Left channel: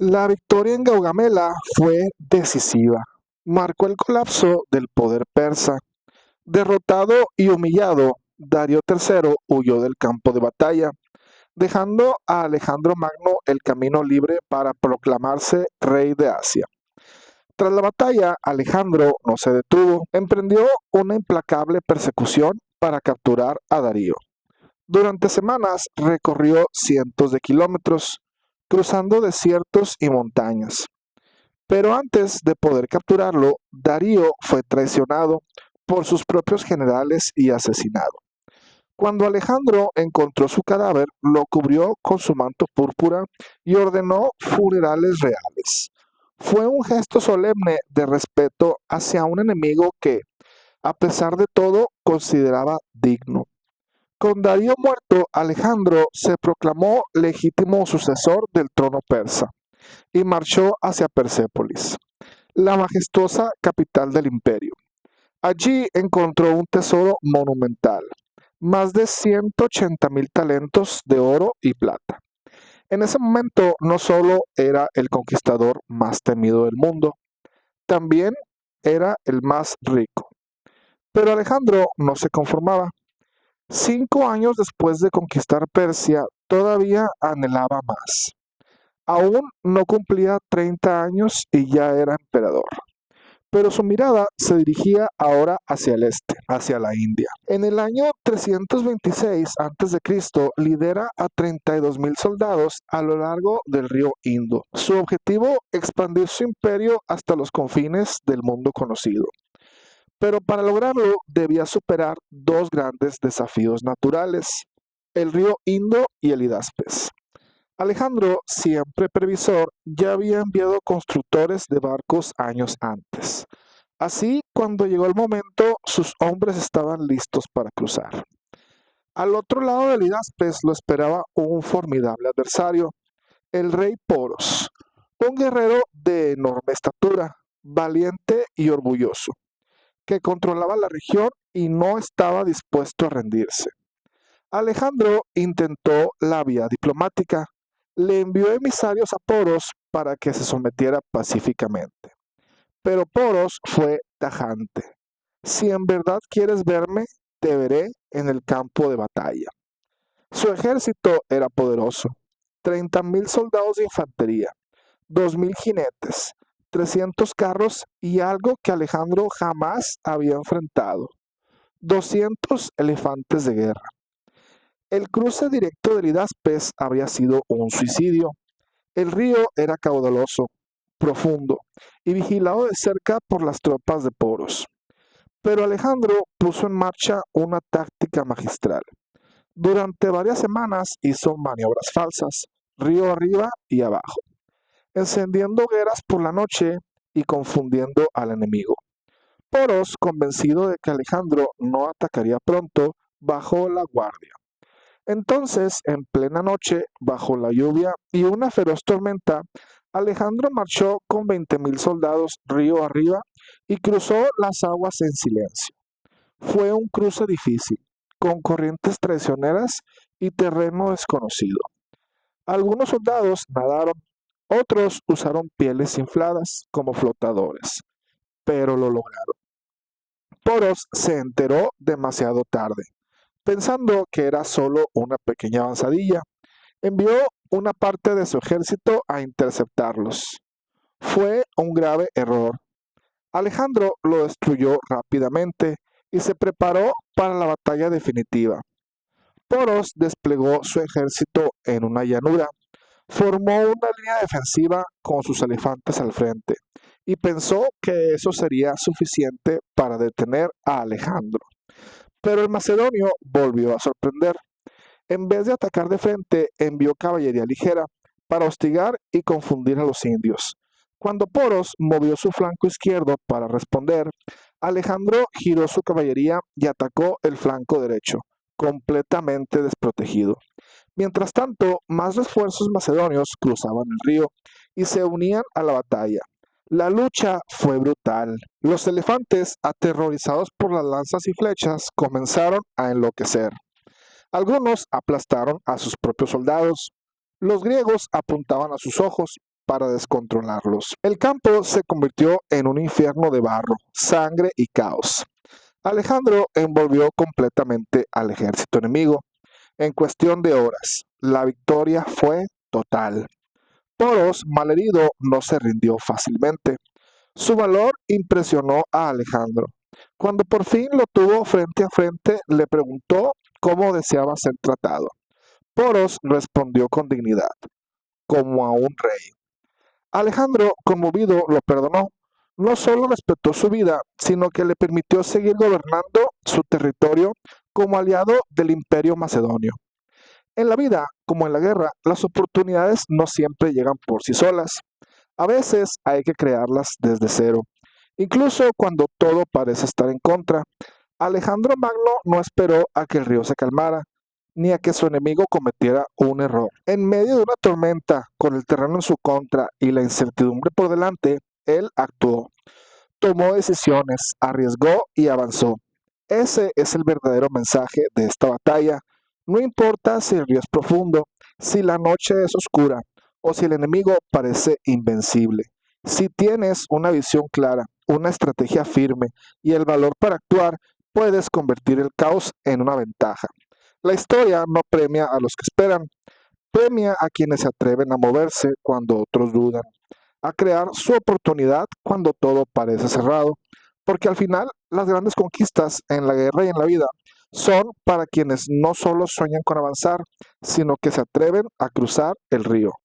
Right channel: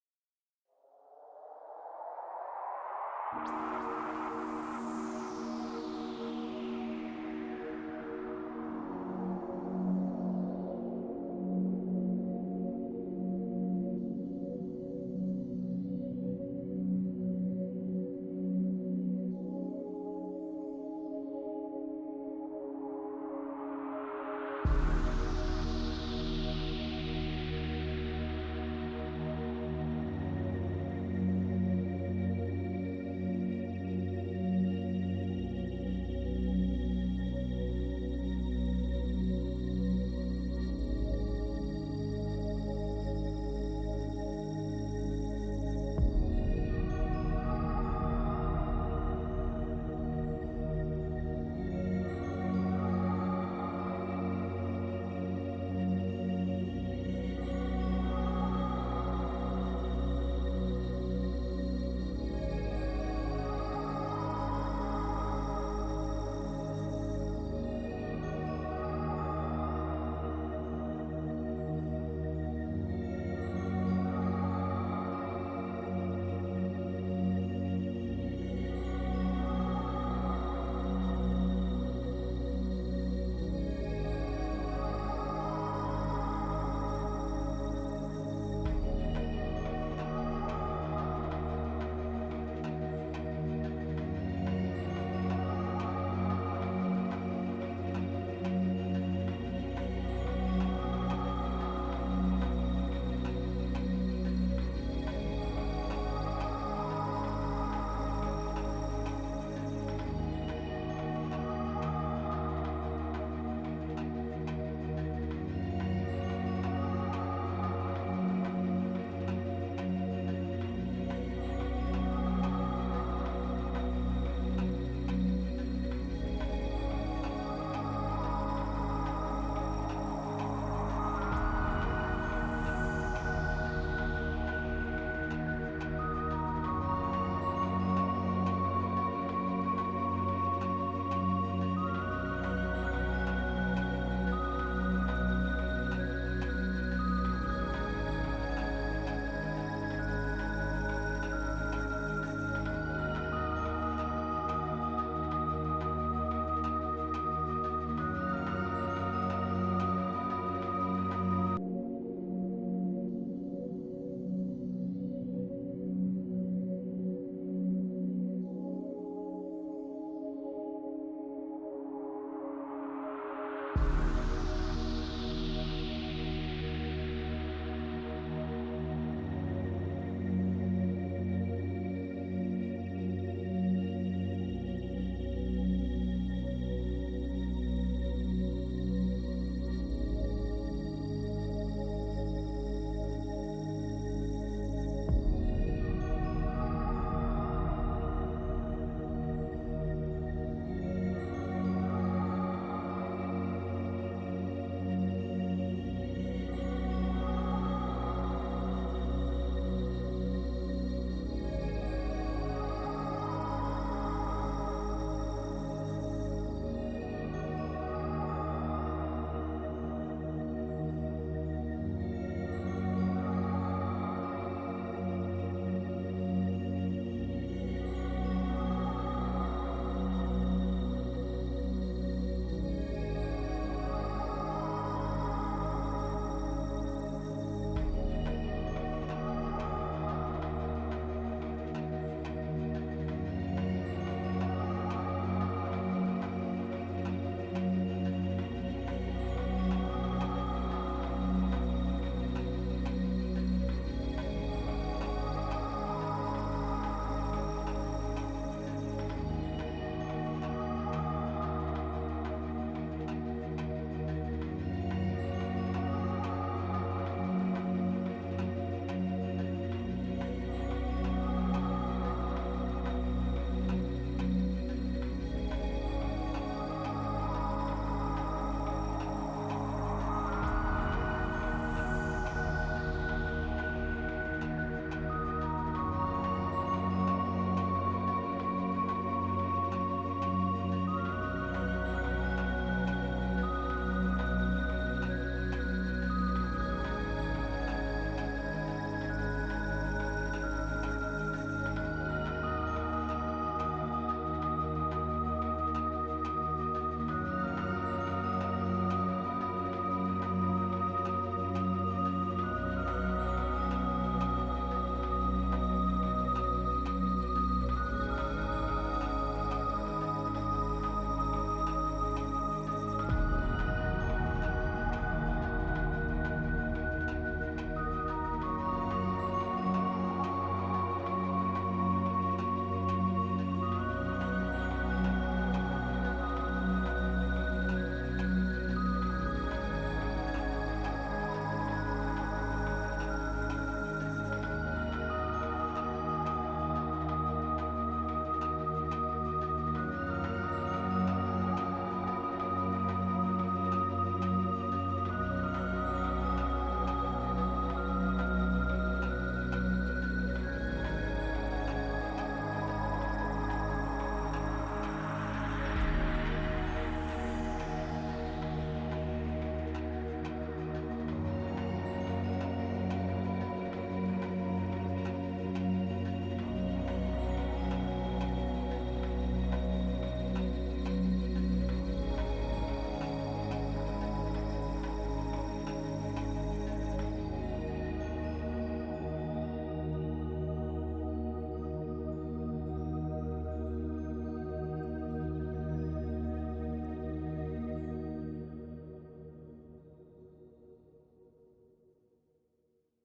La victoria en Gaugamela fue decisiva. Marcó el colapso del poder persa. Derrotado y humillado, Darío III huyó del campo de batalla, dejando a Alejandro Magno el camino libre para proclamarse rey de Asia. Tras la batalla, Alejandro no se detuvo, emprendió una implacable persecución para capturar a Darío. Durante semanas recorrió cientos de kilómetros, cruzando desiertos y montañas. Pero antes de poder capturarlo, Darío fue traicionado por sus propios generales y asesinado. Cuando Alejandro encontró su cadáver, lo cubrió con su manto púrpura y ordenó funerales reales. Fue un gesto solemne de respeto hacia un enemigo que, a pesar de todo, consideraba digno. Con Darío muerto, Alejandro se proclamó legítimo sucesor del trono persa y marchó hacia Persépolis, la majestuosa capital del imperio. Allí encontró un tesoro monumental, más de 180,000 talentos de oro y plata. En ese momento no solo era el conquistador más temido del mundo, también era el más rico. Pero Alejandro no se conformaba. 5 años después de conquistar Persia, todavía anhelaba más. Aún no cumplía 30 años y ya era emperador. Pero su mirada se dirigía ahora hacia el este, hacia la India. En el año 326 a.C. lidera a 32,000 soldados a lo largo del río Indo. Su objetivo, expandir su imperio hasta los confines del mundo conocido. Pero para lograrlo debía superar dos grandes desafíos naturales, el río Indo y el Hidaspes. Alejandro, siempre previsor, ya había enviado constructores de barcos años antes. Así, cuando llegó el momento, sus hombres estaban listos para cruzar. Al otro lado del Hidaspes lo esperaba un formidable adversario, el rey Poros, un guerrero de enorme estatura, valiente y orgulloso, que controlaba la región y no estaba dispuesto a rendirse. Alejandro intentó la vía diplomática, le envió emisarios a Poros para que se sometiera pacíficamente. Pero Poros fue tajante. Si en verdad quieres verme, te veré en el campo de batalla. Su ejército era poderoso, 30,000 soldados de infantería, 2,000 jinetes, 300 carros y algo que Alejandro jamás había enfrentado, 200 elefantes de guerra. El cruce directo del Hidaspes había sido un suicidio. El río era caudaloso, profundo y vigilado de cerca por las tropas de Poros. Pero Alejandro puso en marcha una táctica magistral. Durante varias semanas hizo maniobras falsas, río arriba y abajo, encendiendo hogueras por la noche y confundiendo al enemigo. Poros, convencido de que Alejandro no atacaría pronto, bajó la guardia. Entonces, en plena noche, bajo la lluvia y una feroz tormenta, Alejandro marchó con 20,000 soldados río arriba y cruzó las aguas en silencio. Fue un cruce difícil, con corrientes traicioneras y terreno desconocido. Algunos soldados nadaron, otros usaron pieles infladas como flotadores, pero lo lograron. Poros se enteró demasiado tarde. Pensando que era solo una pequeña avanzadilla, envió una parte de su ejército a interceptarlos. Fue un grave error. Alejandro lo destruyó rápidamente y se preparó para la batalla definitiva. Poros desplegó su ejército en una llanura, formó una línea defensiva con sus elefantes al frente y pensó que eso sería suficiente para detener a Alejandro. Pero el macedonio volvió a sorprender. En vez de atacar de frente, envió caballería ligera para hostigar y confundir a los indios. Cuando Poros movió su flanco izquierdo para responder, Alejandro giró su caballería y atacó el flanco derecho, completamente desprotegido. Mientras tanto, más refuerzos macedonios cruzaban el río y se unían a la batalla. La lucha fue brutal. Los elefantes, aterrorizados por las lanzas y flechas, comenzaron a enloquecer. Algunos aplastaron a sus propios soldados, Los griegos apuntaban a sus ojos para descontrolarlos. El campo se convirtió en un infierno de barro, sangre y caos. Alejandro envolvió completamente al ejército enemigo. En cuestión de horas, la victoria fue total. Poros, malherido, no se rindió fácilmente. Su valor impresionó a Alejandro. Cuando por fin lo tuvo frente a frente, le preguntó cómo deseaba ser tratado. Poros respondió con dignidad, como a un rey. Alejandro, conmovido, lo perdonó. No solo respetó su vida, sino que le permitió seguir gobernando su territorio como aliado del imperio macedonio. En la vida, como en la guerra, las oportunidades no siempre llegan por sí solas. A veces hay que crearlas desde cero. Incluso cuando todo parece estar en contra, Alejandro Magno no esperó a que el río se calmara, ni a que su enemigo cometiera un error. En medio de una tormenta, con el terreno en su contra y la incertidumbre por delante, él actuó. Tomó decisiones, arriesgó y avanzó. Ese es el verdadero mensaje de esta batalla. No importa si el río es profundo, si la noche es oscura o si el enemigo parece invencible. Si tienes una visión clara, una estrategia firme y el valor para actuar, puedes convertir el caos en una ventaja. La historia no premia a los que esperan, premia a quienes se atreven a moverse cuando otros dudan, a crear su oportunidad cuando todo parece cerrado, porque al final las grandes conquistas en la guerra y en la vida son para quienes no solo sueñan con avanzar, sino que se atreven a cruzar el río.